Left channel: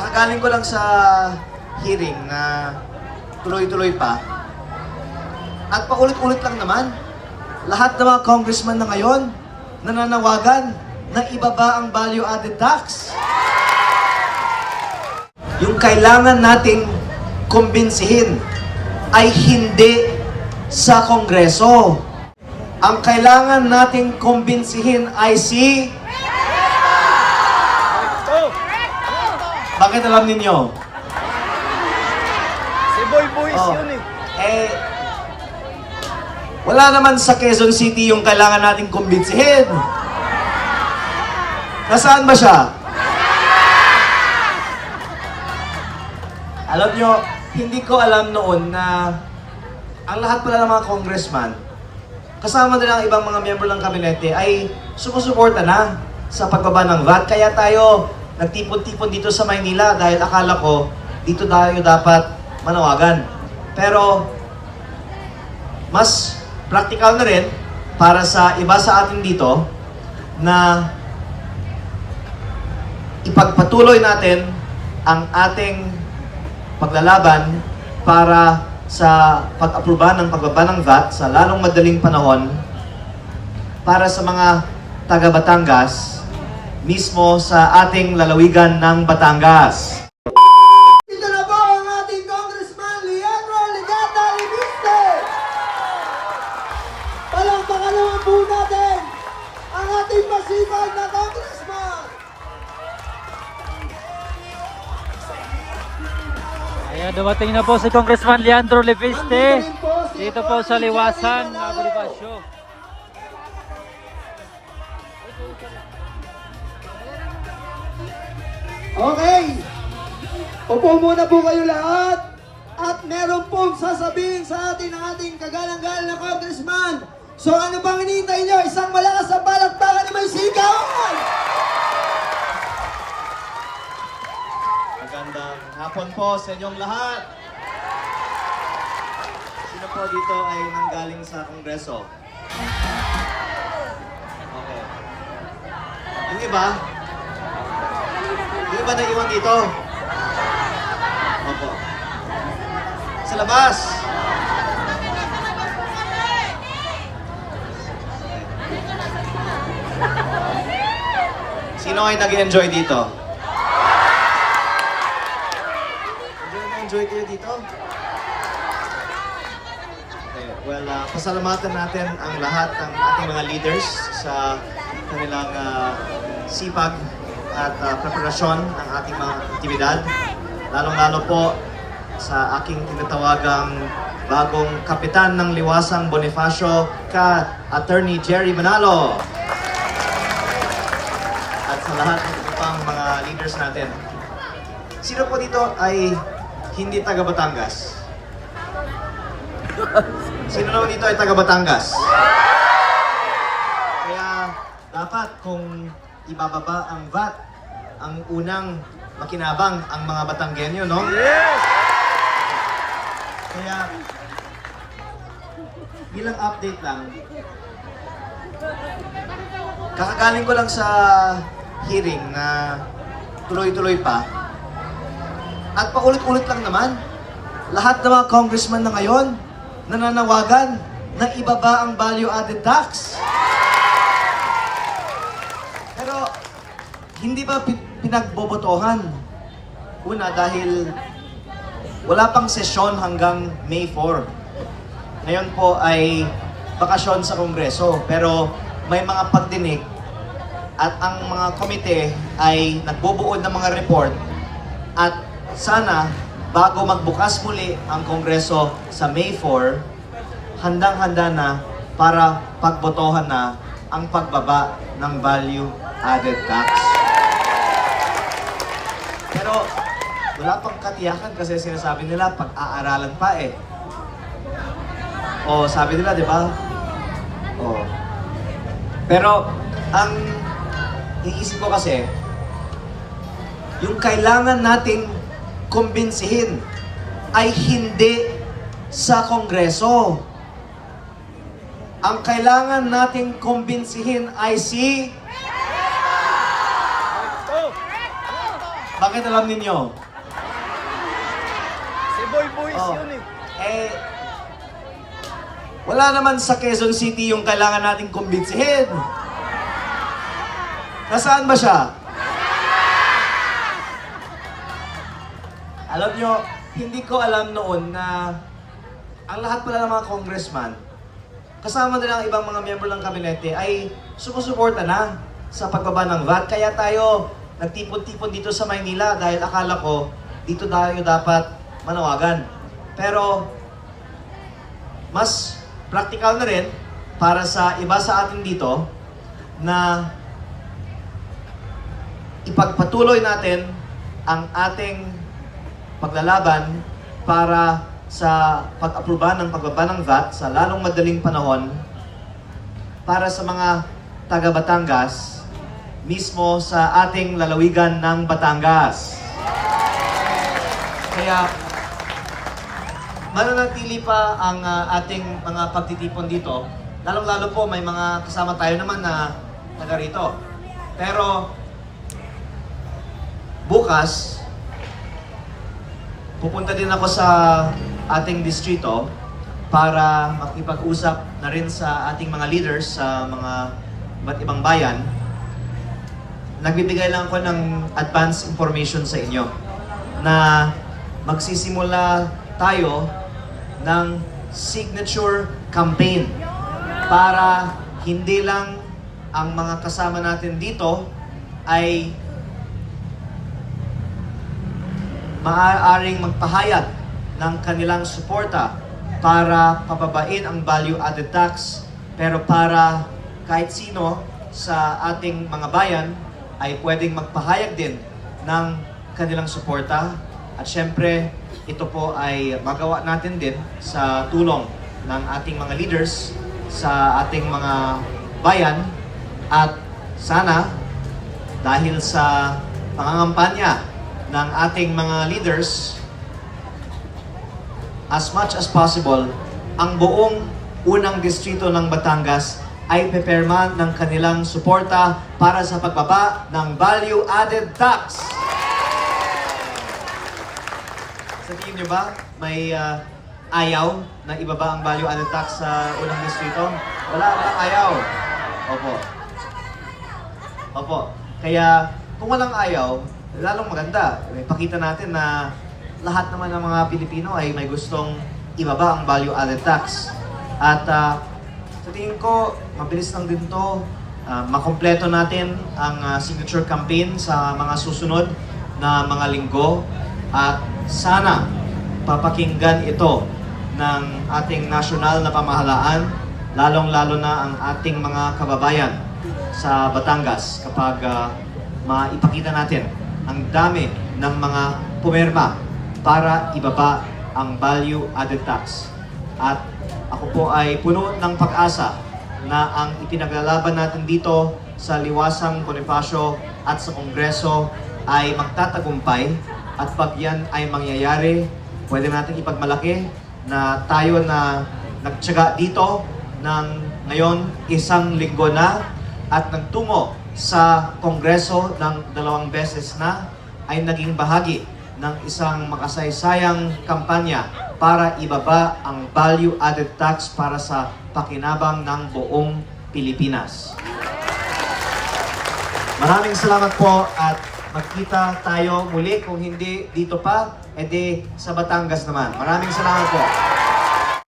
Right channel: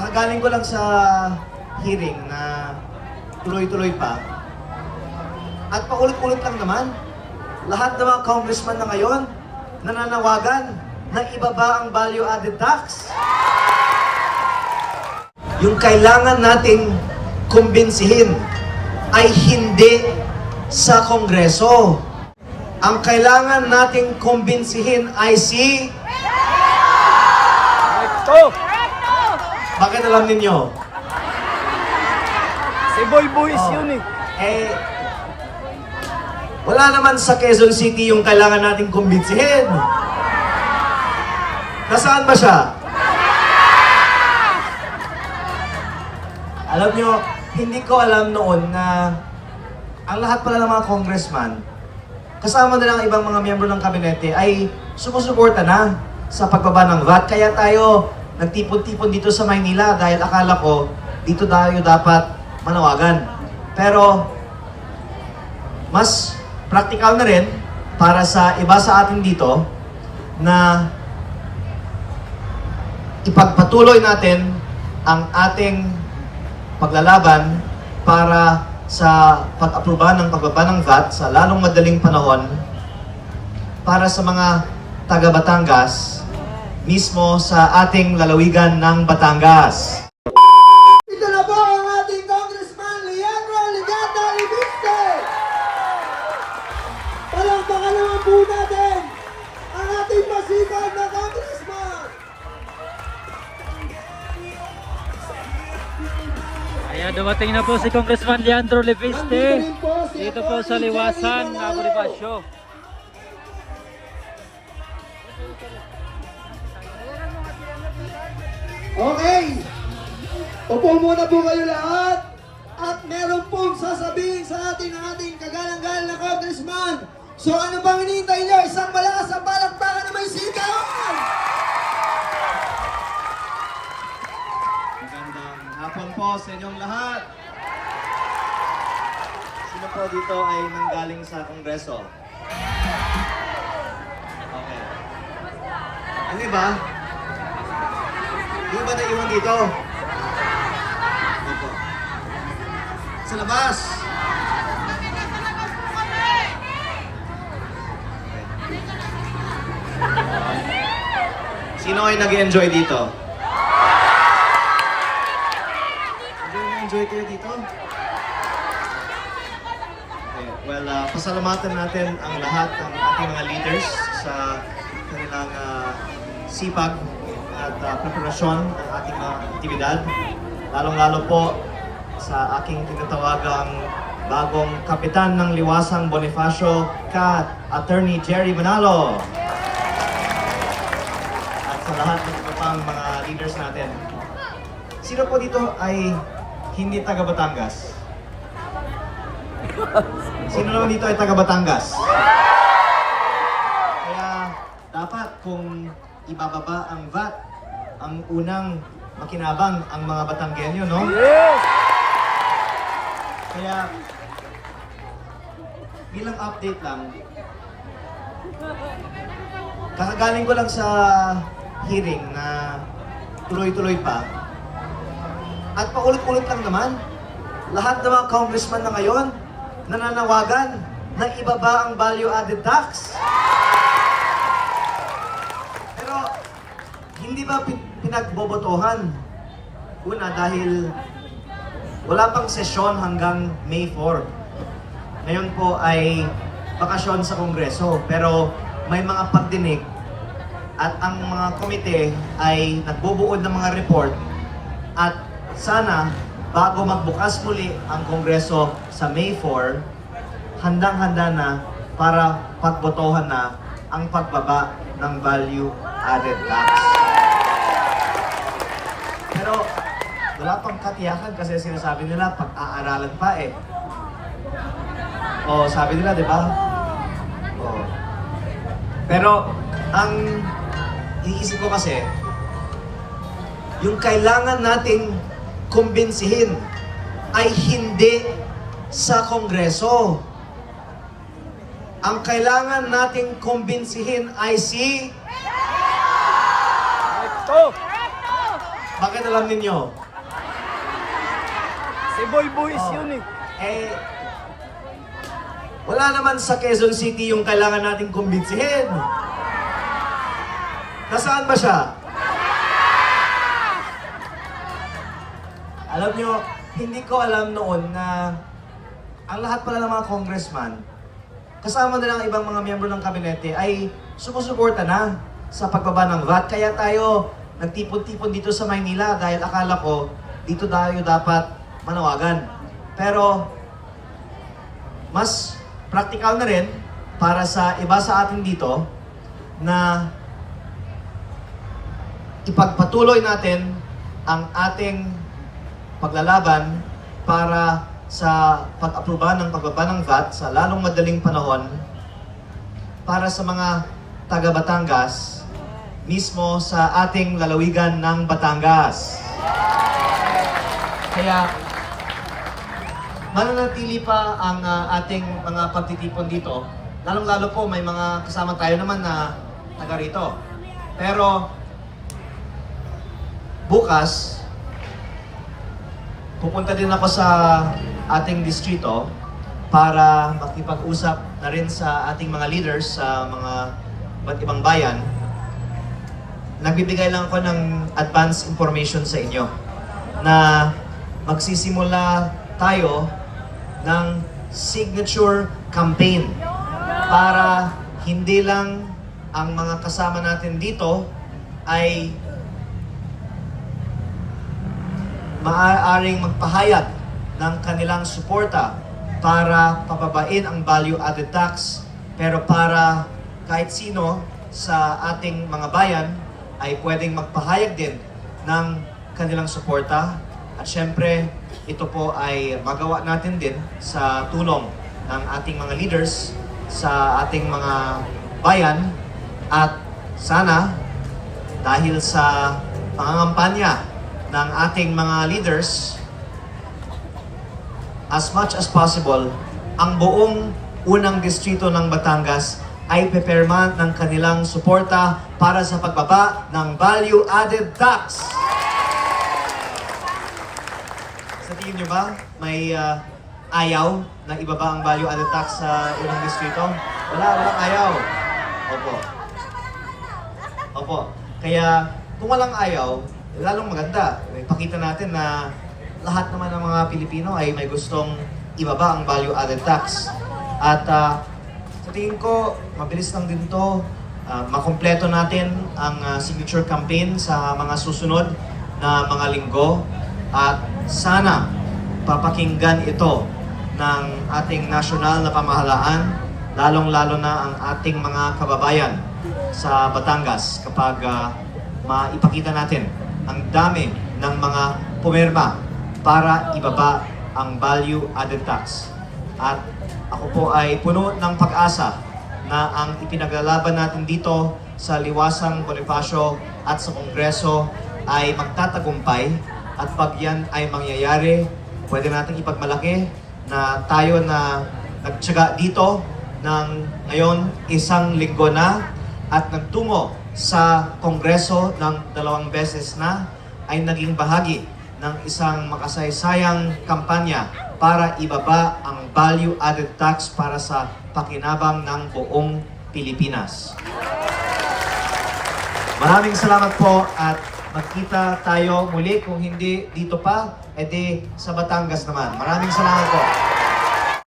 Kakagaling ko lang sa hearing na tuloy-tuloy pa. At paulit-ulit lang naman, lahat ng mga congressman na ngayon nananawagan na ibaba ang value-added tax. Yung kailangan nating kumbinsihin ay hindi sa Kongreso. Ang kailangan nating kumbinsihin ay si... Bakit alam ninyo? Si Boy Boys yun eh. Wala naman sa Quezon City yung kailangan nating kumbinsihin. Nasaan ba siya? Alam nyo, hindi ko alam noon na ang lahat pala ng mga congressman, kasama na lang ibang mga miyembro ng kabinete, ay sumusuporta na sa pagbaba ng VAT. Kaya tayo nagtipon-tipon dito sa Maynila dahil akala ko dito tayo dapat manawagan. Pero mas practical na rin para sa iba sa atin dito na ipagpatuloy natin ang ating paglalaban para sa pag-aproba ng pagbaba ng VAT sa lalong madaling panahon para sa mga taga Batangas, mismo sa ating lalawigan ng Batangas. Dito na po ang ating Congressman Leandro Legata Libiste! Palakpakan naman po natin ang ating masipag na Congressman! Ayan, dumating na po si Congressman Leandro Libiste Andito rin po si dito po sa Liwasan, Bonifacio. Okay, upo muna po kayo lahat at meron pong sasabihin sa atin ang ating kagalang-galang na Congressman. So ano bang hinihintay nyo? Isang malakas na palakpakan na may sigawan! Magandang hapon po sa inyong lahat. Sino po dito ay nanggaling sa Kongreso? Okay. Ang iba? Yung ba naiwan dito? Opo. Sa labas? Sino ay nag-enjoy dito? Enjoy kayo dito? Okay, well, pasalamatan natin ang lahat ng ating mga leaders sa kanilang sipag at preparasyon ng ating mga aktibidad. Lalong-lalo po sa aking tinatawagang bagong kapitan ng Liwasang Bonifacio, Attorney Jerry Manalo. At sa lahat ng ibang mga leaders natin. Sino po dito ay hindi taga Batangas? Sino naman dito ay taga Batangas? Kaya dapat kung ibababa ang VAT, ang unang makinabang ang mga Batanggenyo, no? Yes! Kaya bilang update lang, kakagaling ko lang sa hearing na tuloy-tuloy pa. At paulit-ulit lang naman, lahat ng mga congressman na ngayon nananawagan na ibaba ang value-added tax. Pero hindi ba pinagbobotohan? Una, dahil wala pang sesyon hanggang May 4. Ngayon po ay bakasyon sa Kongreso, pero may mga pagdinig at ang mga komite ay nagbubuod ng mga report at sana bago magbukas muli ang Kongreso sa May 4, handang-handa na para pagbotohan na ang pagbaba ng value-added tax. Pero wala pang katiyakan kasi sinasabi nila pag-aaralan pa eh. O sabi nila, di ba? O. Pero ang iisip ko kasi, yung kailangan nating kumbinsihin ay hindi sa Kongreso. Ang kailangan nating kumbinsihin ay si... Bakit alam ninyo? Si Boy Boys Oh. yun eh. Eh, wala naman sa Quezon City yung kailangan nating kumbinsihin. Nasaan ba siya? Alam nyo, hindi ko alam noon na ang lahat pala ng mga congressman, kasama na lang ibang mga miyembro ng kabinete, ay sumusuporta na sa pagbaba ng VAT. Kaya tayo nagtipon-tipon dito sa Maynila dahil akala ko dito tayo dapat manawagan. Pero mas practical na rin para sa iba sa atin dito na ipagpatuloy natin ang ating paglalaban para sa pag-aproba ng pagbaba ng VAT sa lalong madaling panahon para sa mga taga Batangas mismo sa ating lalawigan ng Batangas. Kaya mananatili pa ang ating mga pagtitipon dito. Lalong-lalo po may mga kasama tayo naman na taga rito. Pero bukas, pupunta din ako sa ating distrito para makipag-usap na rin sa ating mga leaders sa mga iba't ibang bayan. Nagbibigay lang ako ng advance information sa inyo na magsisimula tayo ng signature campaign para hindi lang ang mga kasama natin dito ay maaaring magpahayag ng kanilang suporta para pababain ang value-added tax, pero para kahit sino sa ating mga bayan ay pwedeng magpahayag din ng kanilang suporta. At syempre, ito po ay magawa natin din sa tulong ng ating mga leaders sa ating mga bayan. At sana, dahil sa pangangampanya ng ating mga leaders, as much as possible, ang buong unang distrito ng Batangas ay pipirma ng kanilang suporta para sa pagbaba ng value-added tax. Sa tingin niyo ba, may ayaw na ibaba ang value-added tax sa unang distrito? Walang ayaw. Opo. Opo. Kaya kung walang ayaw, lalong maganda. Ipakita natin na lahat naman ng mga Pilipino ay may gustong ibaba ang value-added tax. At sa tingin ko, mabilis lang din to. Makompleto natin ang signature campaign sa mga susunod na mga linggo. At sana papakinggan ito ng ating nasyonal na pamahalaan, lalong-lalo na ang ating mga kababayan sa Batangas kapag maipakita natin ang dami ng mga pumirma para ibaba ang value-added tax. At ako po ay puno ng pag-asa na ang ipinaglalaban natin dito sa Liwasang Bonifacio at sa Kongreso ay magtatagumpay. At pag yan ay mangyayari, pwede natin ipagmalaki na tayo na nagtiyaga dito ng ngayon 1 linggo na at nagtungo sa Kongreso ng 2 beses na ay naging bahagi ng isang makasaysayang kampanya para ibaba ang value-added tax para sa pakinabang ng buong Pilipinas. Maraming salamat po at magkita tayo muli, kung hindi dito pa, edi sa Batangas naman. Maraming salamat po.